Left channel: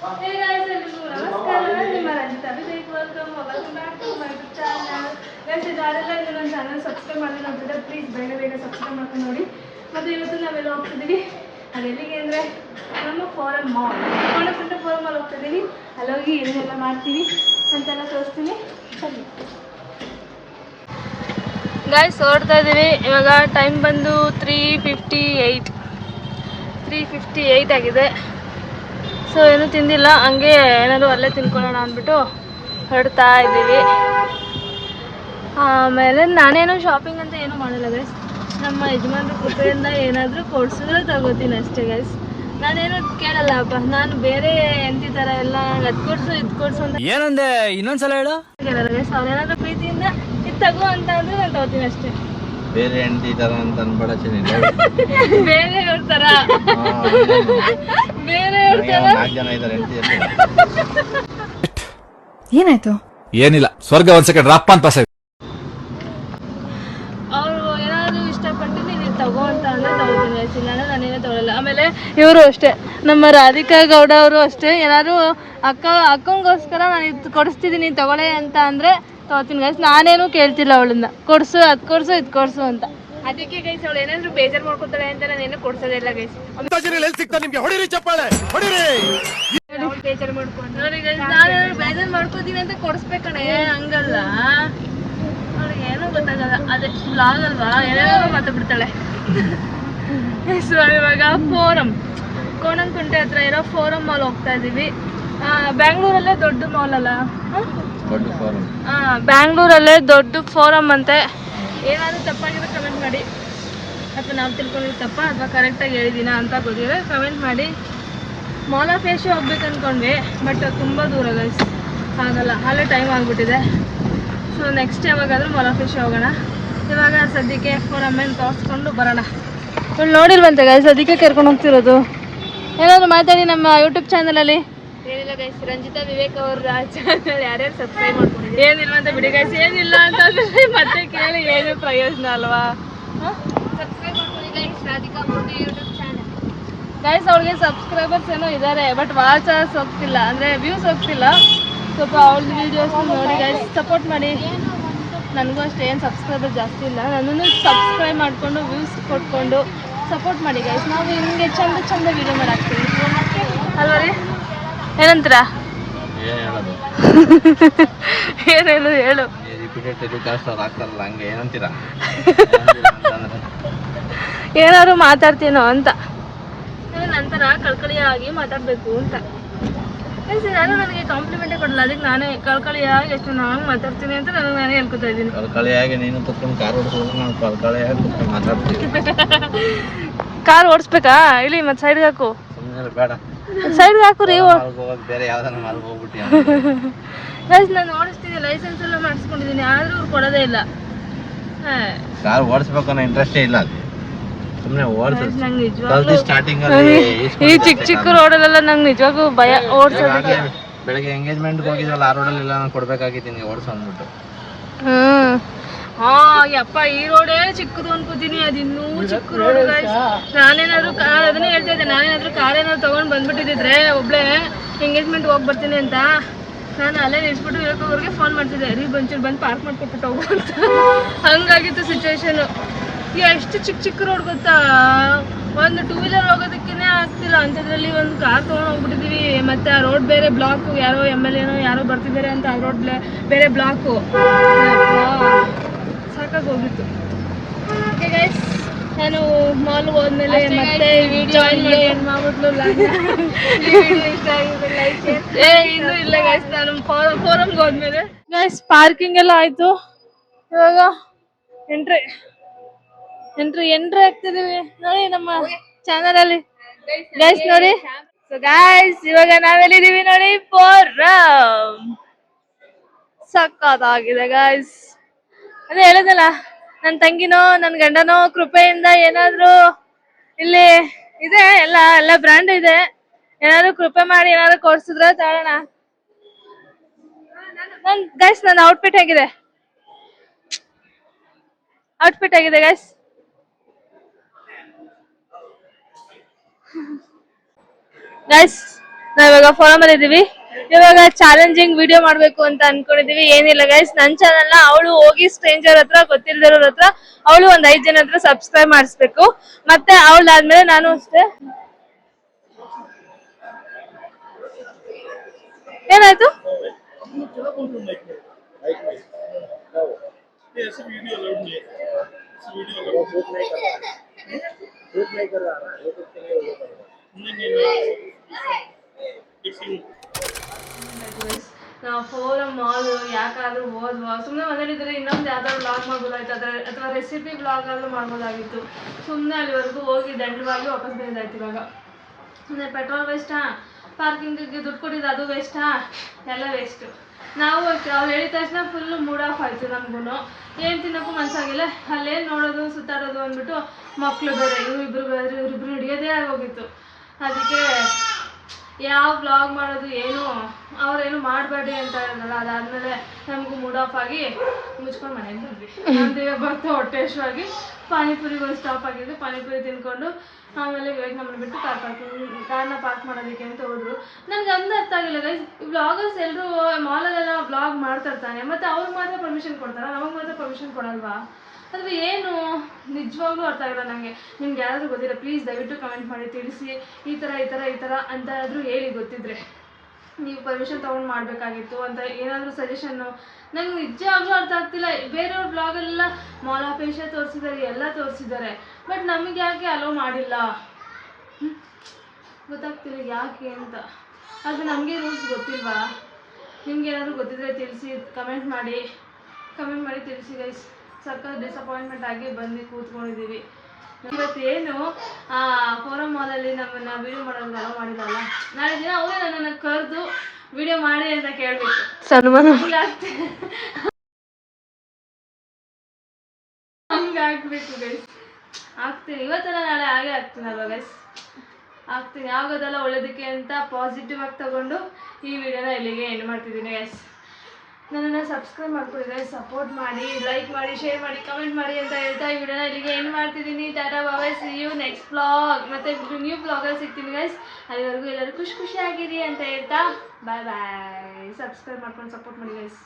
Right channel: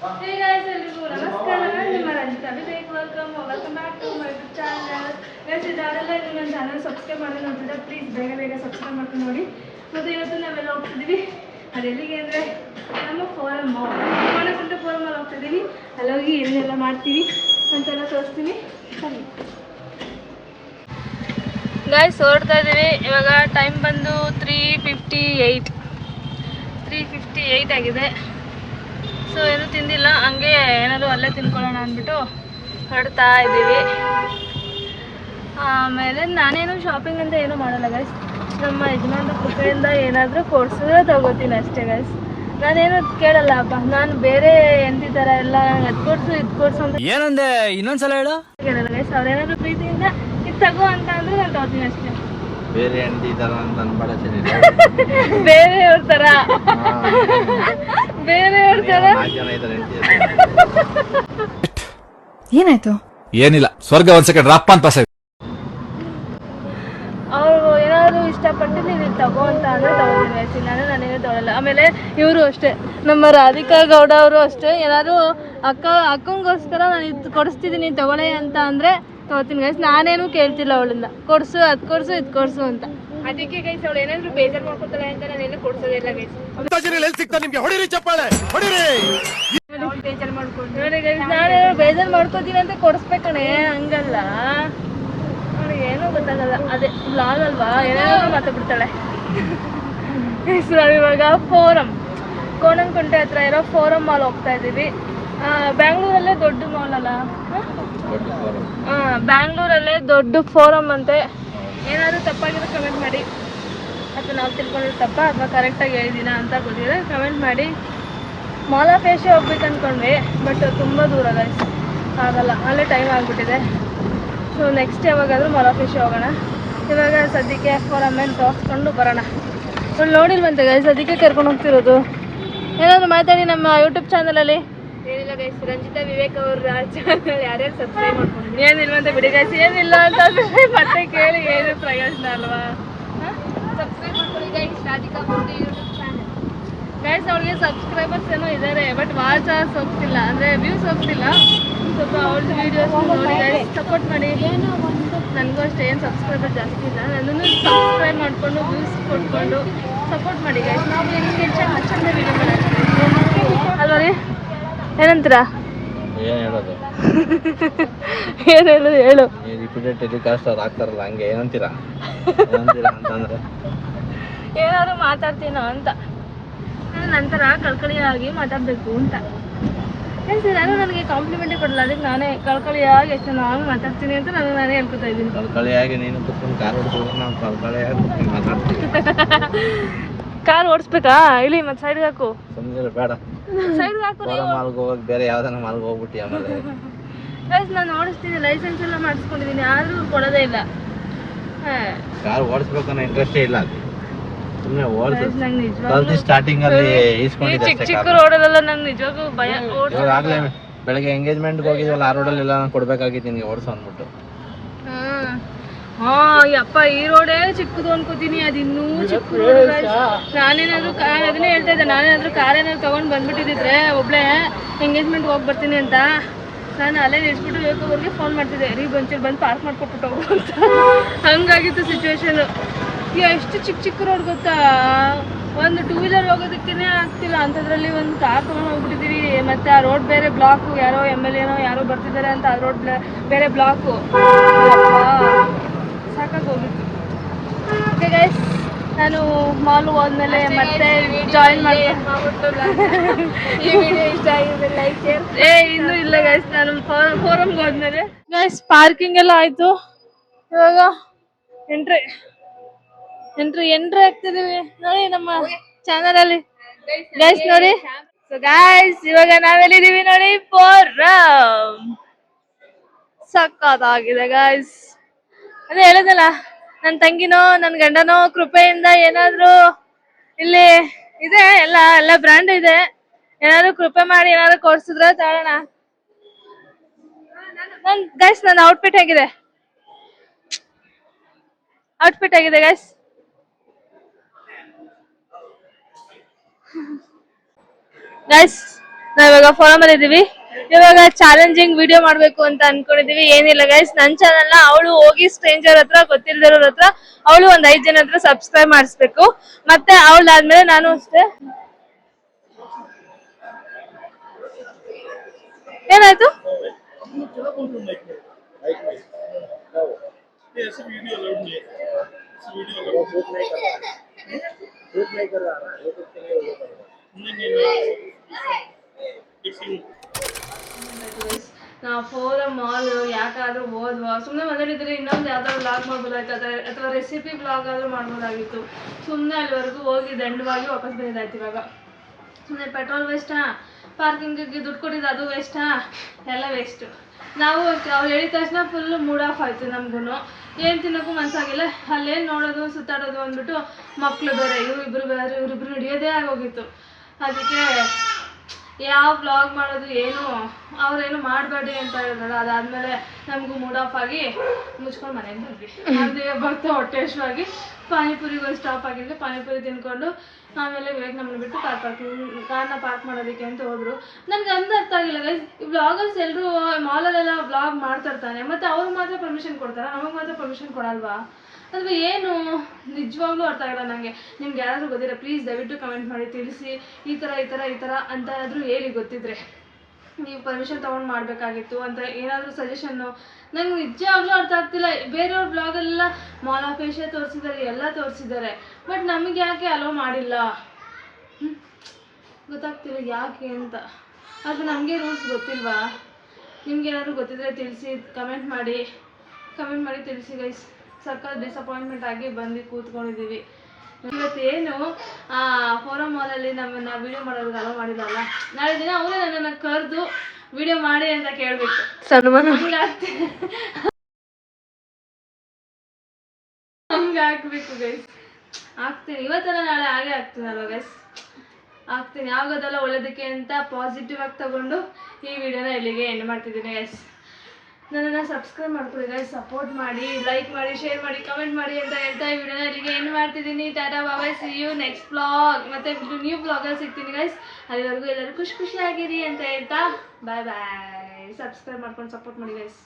Hey guys, ಎಲ್ರಿಗೂ ನಮಸ್ಕಾರ. ನಾನು ನಿಮ್ಮ Ranjitha Abhishek. Welcome back to my YouTube channel. Guys, ಯಾರೆಲ್ಲ ನನ್ನ ಚಾನಲ್ ಸಬ್ಸ್ಕ್ರೈಬ್ ಮಾಡೋದು ಅಂತಿದ್ರೆ ಪ್ಲೀಸ್ ಬೇಗ ಸಬ್ಸ್ಕ್ರೈಬ್ ಮಾಡ್ಕೊಂಡು ನೋಡಿ. ಮತ್ತು ಇವತ್ತು ನಾವೆಲ್ಲ ಹೋಗ್ತಿದ್ದೀವಿ. ಅದೆಲ್ಲಿಗೆ ಅಂದರೆ ನಮ್ಮ Forum mall, centre Forum mall ಹೋಗ್ತಿದ್ದೀವಿ. ಅಲ್ಲೋಗಿ ಏನೇನೆಲ್ಲ ಮಾಡ್ತೀವಿ ಅಂತೆಲ್ಲ ತೋರಿಸ್ತೀನಿ. ಸರಿ ಗೈಸ್, ಹೊರಡ್ತಾ ಇದ್ದೀವಿ. ಇವಾಗ ಟೈಮ್ ಬಂದು 3:58 ಆಗಿದೆ. ಸೊ ಏನೂ ತಿಂದಿಲ್ಲ, ಹಂಗೆ ಏನಾದರೂ ಅಲ್ಲೇ ತಿನ್ಕೊಳ್ಳೋಣ ಅಂದ್ಬಿಟ್ಟು ಹೊರಡ್ತಾ ಇದ್ದೀವಿ. ಆಮೇಲೆ ನಾನೇನು ಶಾಪಿಂಗ್ ಅಂತ ಏನೂ ಮಾಡಲ್ಲ ಗೈಸ್. ನಮ್ಮ ಯಜಮಾನ್ರ ಕೃಪೆಯಿಂದ ಏನಾದರೂ ಕೊಡ್ಸಿದ್ರೆ ತಗೋತೀನಿ ಅಷ್ಟೇ ಗೈಸ್. ನಾನೇನು ಕೇಳಲ್ಲಪ್ಪ. ನಾನು ಬೇರೆ ಎಂತಿ ಥರ ಎಲ್ಲ ಅದು ಕೊಡ್ಸು ಇದು ಕೊಡ್ಸು ಅಂತ ಏನಂದೆ, ಇನ್ನೊಂದ್ಸಲ ಹೇಳು. ಕೇಳಲ್ಲ ಗೈಸ್. ಅವ್ರೇನಾದರೂ ಪ್ರೀತಿಯಿಂದ ಇದು ತಗೋ ಅಂತ ಅಂದ್ರೆ ನಾನು ತಗೋತೀನಿ ಅಷ್ಟೇ. ಬೇರೆ ಹೆಂಡತಿ ತರ ಅಂತ ಅನ್ಬೇಡ. ಬೇರೆಯವ್ರ ಥರ ಏನಾಯ್ತು? ಏನಿಲ್ಲ, ಸ್ವರ್ಗ ಒಂದ್ ಸೆಕೆಂಡ್ ರಪ್ಪ ಅಂತ ಪಾಸ್ ಆಯ್ತು. ಅವರು ಏನಾದ್ರು ಇಷ್ಟಪಟ್ಟು ನೀನು ತಗೋ ಅಂತ ಅಂದ್ರೆ ತಗೋತೀನಿ ಅಷ್ಟೇ. ನಾನೇನು ತಗೊಳ್ಳಲ್ಲ. ಆಮೇಲೆ ಇವರು ಅಷ್ಟೇ, ನಮ್ಮ ರಾಧಿಕಾ ಗೌಡ ಅವರು ಅಷ್ಟೇ, ಏನಾದ್ರು ಅಕ್ಕಂಗೋಸ್ಕರ ನಾನು ಇದು ಕೊಡಿಸ್ತಿದ್ದೀನಿ ತಗೊಳ್ಳೆ ಅಂತ ಅಂದ್ರೆ ತಗೋತೀನಿ ಗೈಸ್. ನಾನೇನು ಕೇಳ್ತಿಲ್ಲ ಅವಳನ್ನ, ಕೊಡ್ಸು ಅದು ಕೊಡ್ಸು ಇದು ಕೊಡ್ಸು ಅಂತ. ಅದಕ್ಕೆ ಗೈಸ್ ಅವಳು ಏನಾದ್ರು ಬೇಜಾರು ಮಾಡ್ಕೊತಾಳೆ ಅಂತ ನಾನೇನು ಕೊಡ್ಸೋದೇ ಇಲ್ಲ ಗೈಸ್. ಬೇಜಾರು ಮಾಡ್ಕೊಂಡು ನೋಡಿ ಗೈಸ್, ನಾನೇನಾದ್ರು ಬೇಜಾರು ಮಾಡ್ಕೋತೀನಿ ಅಂತ ಕೊಡಿಸ್ಬೇಕಣೆ, ಹಂಗಲ್ಲ. ಅವಳಿಗೆ ಏನೂ ಗೊತ್ತಾಗಲ್ಲ. ಅದೇ ಬ್ಲಾಗ್ ಅಲ್ವಾ, ಏನೇನೋ ಮಾತಾಡ್ಬಿಡ್ತಾಳೆ. ಸೊ ಇವಾಗ ಕೋಣಂಕುಂಟೆ ಹತ್ರ ಇರೋ ಫೋರಮ್ ಮಾಲ್ ಹೋಗ್ತಾ ಇದ್ದೀವಿ. ಬ್ಯಾಂಗ್ಳೂರಲ್ಲೇ ದೊಡ್ಡ ಮಾಲ್ ಅಲ್ಲ, ಬ್ಯಾಂಗ್ಳೂರಲ್ಲೇ ದೊಡ್ಡ ಫೋರಮ್ ಅಂತೆ. ಏನಾದರೂ ತಪ್ಪಾಗಿದ್ರೆ ಕಮೆಂಟ್ ಮಾಡಿ, ಅಥವಾ ನಾವು ತಿಳ್ಕೊಂಡಿದ್ದು ತಪ್ಪ ಅಥವಾ ಕರೆಕ್ಟಾಗಿ ಹೇಳಿದ್ದೀನ ಅಂತ ಗೊತ್ತಿದ್ರೆ ಕಮೆಂಟ್ ಮಾಡಿ. ಮಾಲ್ ಆಫ್ ಏಷ್ಯಾ ಹೋಗ್ಬೇಕು ಅಂದ್ಕೊಂಡ್ವಿ, ಬಟ್ ತುಂಬ ದೂರ ಗೈಸ್, ಆಗಲ್ಲ. ಅಲ್ಲೇ ಟೈಮ್ ಆಗಿಬಿಟ್ಟಿದೆ. ಸೊ ನೆಕ್ಸ್ಟ್ ಯಾವಾಗಾದರೂ ಮಾಲ್ ಆಫ್ ಏಷ್ಯಾ ಹೋಗೋಣ. ಇವಾಗ ಸದ್ಯಕ್ಕೆ ಫೋರಮ್ ಏನು ತೋರಿಸ್ಕೊಂಡು ಬರೋಣ. ಇವಳು ನೋಡಿಲ್ವಂತೆ ಗೈಸ್, ಅದಕ್ಕೆ ಕರ್ಕೊಂಡು ಹೋಗ್ತಿರೋದು. ಏನಾದರೂ ಮಾತಾಡಿ ನಮ್ಮ ಯೂಟ್ಯೂಬ್ ಚಾನಲಲ್ಲಿ. ಏನಿಲ್ಲ ಗೈಸ್, ರಂಜಿತಾ ವಿವೇಕ್ ಅವ್ರ ಚಾನಲ್ ಯಾರ್ಯಾರು ಸಬ್ಸ್ಕ್ರೈಬ್ ಮಾಡ್ಕೊಂಡಿದ್ದೀವಿ. ಏನಿಲ್ವಂತೆ ಬಿಡಿ ಗೈಸ್, ಏನಿಲ್ಲ ಅಂತಂದರೆ ಮತ್ತೆ ಕೇಳಿ ಏನು ಪ್ರಯೋಜನ ಅಲ್ವಾ. ಸಬ್ಸ್ಕ್ರೈಬ್ ಮಾಡ್ಕೊಳ್ಳಿ ಗೈಸ್, ರಾಧಿಕಾ ಮೂರ್ತಿ ಯೂಟ್ಯೂಬ್ ಚಾನಲ್. ಗೈಸ್, ಅವಳಿಗೆ ಸಬ್ಸ್ಕ್ರೈಬರ್ಸ್ ಏನೋ ಇದ್ದಾರೆ, ಬಟ್ ವಾಚ್ ಅವರ್ಸ್ ಹೋಗ್ತಿಲ್ಲ, ಅಂದರೆ ವ್ಯೂಸ್ ಹೋಗ್ತಿಲ್ಲ. ಸ್ವಲ್ಪ ಅವಳದ್ದು ವೀಡಿಯೋಸ್ನ ನೋಡಿ ಗೈಸ್, ಸಪೋರ್ಟ್ ಮಾಡಿ. ನನಗೂ ಅಷ್ಟೇ ಏನು ಸಬ್ಸ್ಕ್ರೈಬರ್ ಜಾಸ್ತಿ ಇಲ್ಲ, ನನ್ನನ್ನು ಸಬ್ಸ್ಕ್ರೈಬ್ ಮಾಡಿಕೊಂಡು ವ್ಯೂಸ್ ಕೊಟ್ಕೊಂಡು ಸಪೋರ್ಟ್ ಮಾಡಿ ಗೈಸ್. ನಾವು ನಿಮಗೆ ಚಂದ ವೀಡಿಯೋ ಮಾಡಿ ಹಾಕ್ತೀವಿ ಅಲ್ವಾ ರೀ? ಏನಂತೀರಾ? ಏನ್ ಹೇಳೋದು, ಏನು ಹೇಳು. ಆಗ್ತಾರಲ್ಲ ಹಂಗೆ ಏನಂತೀರಾ? ಏನಾದ್ರು ಮಾತಾಡ್ತೀನೋ ಅಂತ, ನಂತರ ಕಳ್ಕಳಿಯಾಗಿ ಮಾತಾಡಬೇಕು ಅಂತ. ನಾನು ನನಗೆ ಕಾಂಪ್ಲಿಮೆಂಟೇ ಕೊಡಲ್ಲ, ಅದಕ್ಕೆ ನಾನೇ ಕಳ್ಕಳಿಯಾಗಿ ಎಷ್ಟು ನಾನು ಮಾತಾಡ್ತೀನಿ ಅಂತ ನಾನೇ ಹೇಳ್ಕೊತಾ ಇದ್ದೀನಿ. ಕಳ್ಕಳಿಯಾಗಿ ನೀನು ಕುತ್ಕೊಂಡು ಕಾರ್ ಓಡಿಸಿದ್ರೆ ನಾವು ಕಳ್ಕಳಿಯಾಗಿ ಕುತ್ಕೊಂಡು ಮಾತಾಡ್ತೀವಿ. ಕಾರ್ ಓಡಿಸ್ಬೇಕಾ? ಇಲ್ಲಿ ಮತ್ತೆ ಸೈಡ್ಗೆ ಹಾಕು. ಸುಮ್ಮನೆ ಬೇಡ, ಸೈಡ್ಗೆ ಹಾಕು ರೀ. ಹೋಗೋದು ಬೇರೆ ಯಾವ್ದಾನ ಮಾಲ್ಗೆ ಹೋಗ್ಬಿಟ್ಟು. ಗೈಸ್, ನಾನು ಓಡಿಸ್ತೀನಿ, ಲೈಸೆನ್ಸ್ ಎಲ್ಲ ಮಾಡಿಸ್ಕೊಂಡಿದ್ದೀನಿ, ಆದರೂ ಅವ್ರು ಕೊಡೋದೇ ಇಲ್ಲ. ಕಾರ್ ಓಡಿಸ್ಬೇಕು ಅನ್ನೋ ಇಂಟ್ರೆಸ್ಟೇ ಇಲ್ಲ. ಸುಮ್ಮನೆ ನಂಗೆ ನಿಜವಾಗ್ಲೂ ಸ್ಟಾರ್ಟಿಂಗ್ ಈ ಚಿಕ್ಕ ರೋಡಲ್ಲೆಲ್ಲ ನಂಗೆ ನಿಜವಾಗೂ ಭಯ ಓಡಿಸೋದು. ಬೆಳಗ್ಗೆ ಎಂಗೇಜ್ಮೆಂಟ್ಗೆ ಹೋಗಿದ್ವಲ್ಲ, ಆ ರೋಡಲ್ಲೆಲ್ಲ ನಾನು ಕೊಡ್ಬೇಕಾಗಿತ್ತು ನಿನಗೆ ಓಡಿಸೋ ಅಂದ್ಬಿಟ್ಟು. ಯಪ್ಪ, ಈ ರೋಡೇ ಚಿಕ್ಕದು ಅನ್ಕೋತೀನಿ, ಅದು ಇನ್ನೂ ಚಿಕ್ಕ ರೋಡು ಗೈಸ್. ನಾನೇನಾದ್ರು ಅದನ್ನೇ ಹೇಳ್ತಾ ಇದ್ದೆ, ನಾನೇನಾದ್ರು ಕಾರ್ ಏನಾದ್ರು ತೊಗೊಂಡು ಬಂದ್ಬಿಟ್ಟಿದ್ರೆ ಒಬ್ಳೆ ಎಂಗೇಜ್ಮೆಂಟ್ಗೆ ಹೋಗಿ ಬರ್ತೀನಿ ಅಂತ, ನಾನು ಅಲ್ಲೇ ನಿಲ್ಸ್ಬಿಟ್ಟು ಅವ್ರಿಗೆ ಫೋನ್ ಮಾಡ್ತಿದ್ದೆ, ರೀ ಬಂಚೂರು ಬಂದು ಪಾರ್ಕ್ ಮಾಡ್ಕೊಟ್ಬಿಟ್ಟು ಹೋಗು ಅಂತ. ಹಂಗಾಗಿತ್ತು ಸಿಚುವೇಶನು. ಎಷ್ಟು ಚಿಕ್ಕ ರೋಡ್ ಗೊತ್ತಾ, ಒಂದು 2 ವೀಲರ್ ಹೋಗೋದಕ್ಕೇ ಆಗ್ತಿಲ್ಲ ಅಂಥದ್ರಲ್ಲಿ ಒಂದು ಕಾರ್ ತೊಗೊಂಡು ಹೋಗ್ಬಿಟ್ಟಿದ್ದೀವಿ. ಮತ್ತು ಆ ರೋಡ್ ಬೇರೆ ಬ್ಲಾಕು, ಯಾರೋ MLA ಯಾರೋ ಬರ್ತಿದ್ದಾರೆ ಅಂತ ಆ ರೋಡ್ ಬೇರೆ ಬ್ಲಾಕು. ಸಾಕಾಗಿ ಹೋಗಿತ್ತು. ಓಕೆ ಗೈಸ್, ನಾನು ಮಾಲ್ಗೆ ಹೋದ್ಮೇಲೆ ಮತ್ತೆ ಜಾಯಿನ್ ಮಾಡಿ ಈ ವಿಡಿಯೋ ಇಷ್ಟ ಆಗಿದೆ ಲೈಕ್ ಇನ್ನೂ ಇಲ್ಲ ಗೈಸ್. ನಾನು ಫೋರಮ್ಗೆ ಹೋದ್ಮೇಲೆ ಗೈಸ್ ಪಾರ್ಕಿಂಗ್ ಎಲ್ಲ ಆಯಿತು. ಇವಾಗ ಎಂಟ್ರಿ ಆಗ್ತಿದೀವಿ ನೋಡಿ ನಮ್ಮ ಚಾನಲ್ ಅಲ್ಲಿ ಗೈಸ್ ನೋಡಿ. ಸೊ ಗೈಸ್, ಇವಾಗ ನಾವೆಲ್ಲಿದೀವಿ ನೋಡಿ, ಫೋರಮ್. ಸಕ್ಕತ್ತಾಗಿದೆ ಗೈಸ್. ಅದೇ ಹೇಳಿದಲ್ಲ, ನನ್ನ ತಂಗಿನೋ ನನ್ನ ಗಂಡನೋ ಕೃಪೆಯಿಂದ ಏನಾದ್ರು ಇಲ್ಲಿ ಇದೆ, ಎಲ್ಲ ಬ್ರ್ಯಾಂಡ್ ಇದೆ. ಏನಾದ್ರು ಕೃಪೆ ಮಾಡಿ ಏನಾದ್ರು ಕೊಡ್ಸಿದ್ರೆ ತಗೊಳ್ಳೋಣ. ಗೈಸ್, ನನ್ನ ಔಟ್ಫಿಟ್ ಆಗಿದೆ ಗೈಸ್. ಗೈಸ್, ನಾವಿವಾಗ ಫೋರಮ್ ಅಲ್ಲಿ ಇದೀವಿ. ಇವಾಗ ಚಾಲೆಂಜಿಂಗ್ ವಿಡಿಯೋ ಮಾಡ್ಬೇಕು ಅಂತ ಅನ್ಕೊಂಡಿದೀವಿ. ಏನಿಲ್ಲ ಗೈಸ್, ನನ್ ಚಾನಲ್ ನ ಅವಳು ಹೋಗಿ ಸ್ಟ್ರೇಂಜರ್ ಹತ್ರ, ಗೊತ್ತಿಲ್ದಿರೋರ್ ಹತ್ರ ಅವಳು ಒಂದ್ 5 ಜನ ಹತ್ರ ಸಬ್ಸ್ಕ್ರೈಬ್ ಮಾಡಿಸ್ಬೇಕು. ಮತ್ತೆ ಅವಳಾದ್ಮೇಲೆ ನಾನು ಅಷ್ಟೇ. ಏನಾಯ್ತು? ನಾವು ಫೋರಮ್ ಮಾಲ್ ಯಾಕಾದ್ರೂ ಹೋದ್ವಾ, ಸುಮ್ಮನೆ ಮನೇಲಿದ್ರೆ ಇನ್ನೊಂದು ಯಾವ್ದಾದ್ರು ವ್ಲಾಗ್ ಮಾಡ್ಬೋದಾಯ್ತು, ಅಥವಾ ರೆಸಿಪಿ ವ್ಲಾಗ್ ಆದ್ರೂ ಮಾಡ್ಬೋದಾಗಿತ್ತು. ಸುಮ್ಮನೆ ಅಲ್ಲಿವರೆಗೂ ಹೋಗಿ ದಂಡವಾಗಿ ವಾಪಸ್ ಬಂದಿದ್ದಾಯ್ತು. ಇವಾಗ ಸುಮ್ಮನೆ ಪೆಟ್ರೋಲ್ ವೇಸ್ಟಾ, ಪಾರ್ಕಿಂಗಿಗೆ ದುಡ್ಡು ಕೊಟ್ಟಿದ್ದು ಅದು ವೇಸ್ಟಾ, ಎಲ್ಲ ವೇಸ್ಟು. ನಾವು ಅವ್ರು ಹೇಳಿದ ತಕ್ಷಣ ಫುಲ್ಲು ಮೂಡ್ ಆಫ್ ಆಯಿತು. ನಮಗೂ ಏನು ತಿನ್ನೋಕ್ಕೂ ಮನಸ್ಸಾಗಿಲ್ಲ. ಅಲ್ಲೇನು ನೋಡೋದು ಸುತ್ತಾಡೋದು ಅಂದ್ಬಿಟ್ಟು ಮಕ್ಕಳು ಬೇರೆ, ಇವರಿಬ್ರು ಹಿಡಿಯೋದೇ ಆಗೋಗಿತ್ತು. ಅದಕ್ಕೆ ಯಾವ ಬ್ಲಾಗ್ ಮಾಡೋದು ಏನು, ಅವ್ರೇನು ಮಾಡಬೇಡಿ ಅಂತ ಹೇಳಿದ್ರಲ್ಲ, ಅದಾದಮೇಲೆ ನಮಗೂ ಮೂಡ್ ಆಫ್ ಆಗಿ ಮುಚ್ಕೊಂಡು ಮನೆಗೆ ಬಂದ್ವಿ. ನಮ್ದು ಇವಾಗ ಬರ್ತಾ ಹೊಟ್ಟೆ ಹಶ್ವಾಗಿ ಪಾನಿಪುರಿಗೆ ಒಂದು ಸ್ಟಾಪ್ ಆಗಿದ್ವಿ. ಪಾನಿಪುರಿ ತಿನ್ಕೊಂಡು ಆಮೇಲೆ ಇವಾಗ ನಮ್ಮನ್ನು ಬಿಟ್ಟು ಕಾರ್ನ ಪಾರ್ಕ್ ಮಾಡೋದಕ್ಕೆ ಅಂತ ಹೋದ್ರು. ನನಗೆ ಅಂದು ಅರ್ಥ ಆಗಿಲ್ಲ ಗೈಸ್, ಈ ಬ್ಲಾಗರ್ಸ್ ಎಲ್ಲರೂ ಮಾಲಲ್ಲೆಲ್ಲ ಬ್ಲಾಗ್ ಮಾಡ್ತಾರ್ತಾನೆ, ಮತ್ತು ಅವ್ರಿಗೆ ಮಾತ್ರ ಪರ್ಮಿಷನ್ ಕೊಡ್ತಾರೆ, ನಮಗೆ ಮಾತ್ರ ಪರ್ಮಿಷನ್ ಕೊಡಲ್ವಾ? ಅಥವಾ ಏನು ನಿಜವಾಗ್ಲೂ ಅರ್ಥ ಆಗಲ್ಲ ನನಗೆ. ನಿಮ್ಗೆ ಯಾರಾದರೂ ಗೊತ್ತಿಲ್ಲ ಪ್ಲೀಸ್ ದಯವಿಟ್ಟು ಕಮೆಂಟ್ ಮಾಡಿ ತಿಳಿಸಿ. ಈ ಥರ ಅಂತ ಆದರೂ ಹೇಳಿ, ಗೊತ್ತಿದ್ರೆ ನೀವು ಪರ್ಮಿಷನ್ ತೊಗೊಂಡು ಮಾಡಬೇಕಾಗಿತ್ತು ಅಂತ ಏನಾದರೂ ಸಜೆಷನ್ನು. ನಂಗೆ ನಿಜವಾಗ್ಲೂ ಅರ್ಥ ಆಗ್ತಿಲ್ಲ. ಬೇರೆಯವ್ರ ಬ್ಲಾಗೆಲ್ಲ ಮಾಲ್ ಆಫ್ ಏಷ್ಯಾ ತೋರಿಸಿದ್ದಾರೆ, ಎಲ್ಲ ತೋರಿಸಿದ್ದಾರೆ, ಬಟ್ ನಮಗೆ ಯಾಕೆ ಅಲೋ ಮಾಡಿಲ್ಲ? ಗೊತ್ತಾಗ್ತಿಲ್ಲ ಯಾಕೆ ಅಂತ. ಅದು ನಮಗೆ ರೂಲ್ಸ್ ಗೊತ್ತಿಲ್ವಾ? ನಿಮ್ಗೇನಾದರೂ ಗೊತ್ತಿದ್ರೆ ತಿಳಿಸಿ, ಕಮೆಂಟ್ ಮಾಡಿ ತಿಳಿಸಿ ಗೈಸ್. ಸಕ್ಕತ್ ಡಿಸಪಾಯಿಂಟ್ಮೆಂಟ್ ಆಗಿ ಬಂದು ಕೂತ್ಕೊಂಡಿದ್ದೀವಿ. ಇವತ್ತೇನು ಫೋರಮ್ ಮಾಲಲ್ಲಿ ನಮ್ಮನ್ನು ವೀಡಿಯೋ ಮಾಡೋದು ಅಲೋ ಮಾಡಿದಲ್ಲ, ನಾಳೆ ದಿನ ಅವರೇ ನನ್ನನ್ನು ಕರೆದು ವಿಡಿಯೋ ಮಾಡಿ ಅಂತ ಕೇಳಬೇಕು. ಹಂಗೆ ಹಾಕ್ಬೇಕು ಗೈಸ್. ಹಾಕ್ತೀನಿ, ಇವತ್ತಲ್ಲ ನಾಳೆ ಹಾಗೆ ಹಾಕ್ತೀನಲ್ವ ಗೈಸ್, ಹಾಕ್ತೀನಿ. ಆಗೋದೆಲ್ಲ ಒಳ್ಳೇದಕ್ಕೆ ಅಂತ ಪಾಸಿಟಿವ್ ಆಗಿ ತಗೊಂಡು ಈ ವಿಡಿಯೋನ ಇಲ್ಲಿಗೆ ಎಂಡ್ ಮಾಡ್ತಿದ್ದೀನಿ ಗೈಸ್. ನನ್ನನ್ನು ಸಬ್ಸ್ಕ್ರೈಬ್ ಮಾಡ್ಕೊಳ್ಳಿ ಗೈಸ್, ಸಪೋರ್ಟ್ ಮಾಡಿ, ಲೈಕ್ ಮಾಡಿ, ಶೇರ್ ಮಾಡಿ, ಕಮೆಂಟ್ ಮಾಡಿ ಅಂತ ಹೇಳ್ತಾ ಈ ವಿಡಿಯೋನ ಇಲ್ಲಿಗೆ ಎಂಡ್ ಮಾಡ್ತಿದ್ದೀನಿ. ಟಾಟಾ ಬಾಯ್ ಬಾಯ್, ಸಿ ಯು ನೆಕ್ಸ್ಟ್ ಬ್ಲಾಗ್. ಮತ್ತೆ ನ್ಯೂ ಬ್ಲಾಗಲ್ಲಿ ಸಿಗ್ತೀನಿ ಗೈಸ್. ಅಲ್ಲಿವರೆಗೂ ಎಲ್ಲರೂ ಖುಷಿಯಾಗಿರಿ ಅಂತ ಹೇಳ್ತಾ ಬಾಯ್ ಬಾಯ್. ಸಬ್ಸ್ಕ್ರೈಬ್ ಮಾಡ್ಕೊಂಡು ಸಪೋರ್ಟ್ ಮಾಡಿ ಗೈಸ್.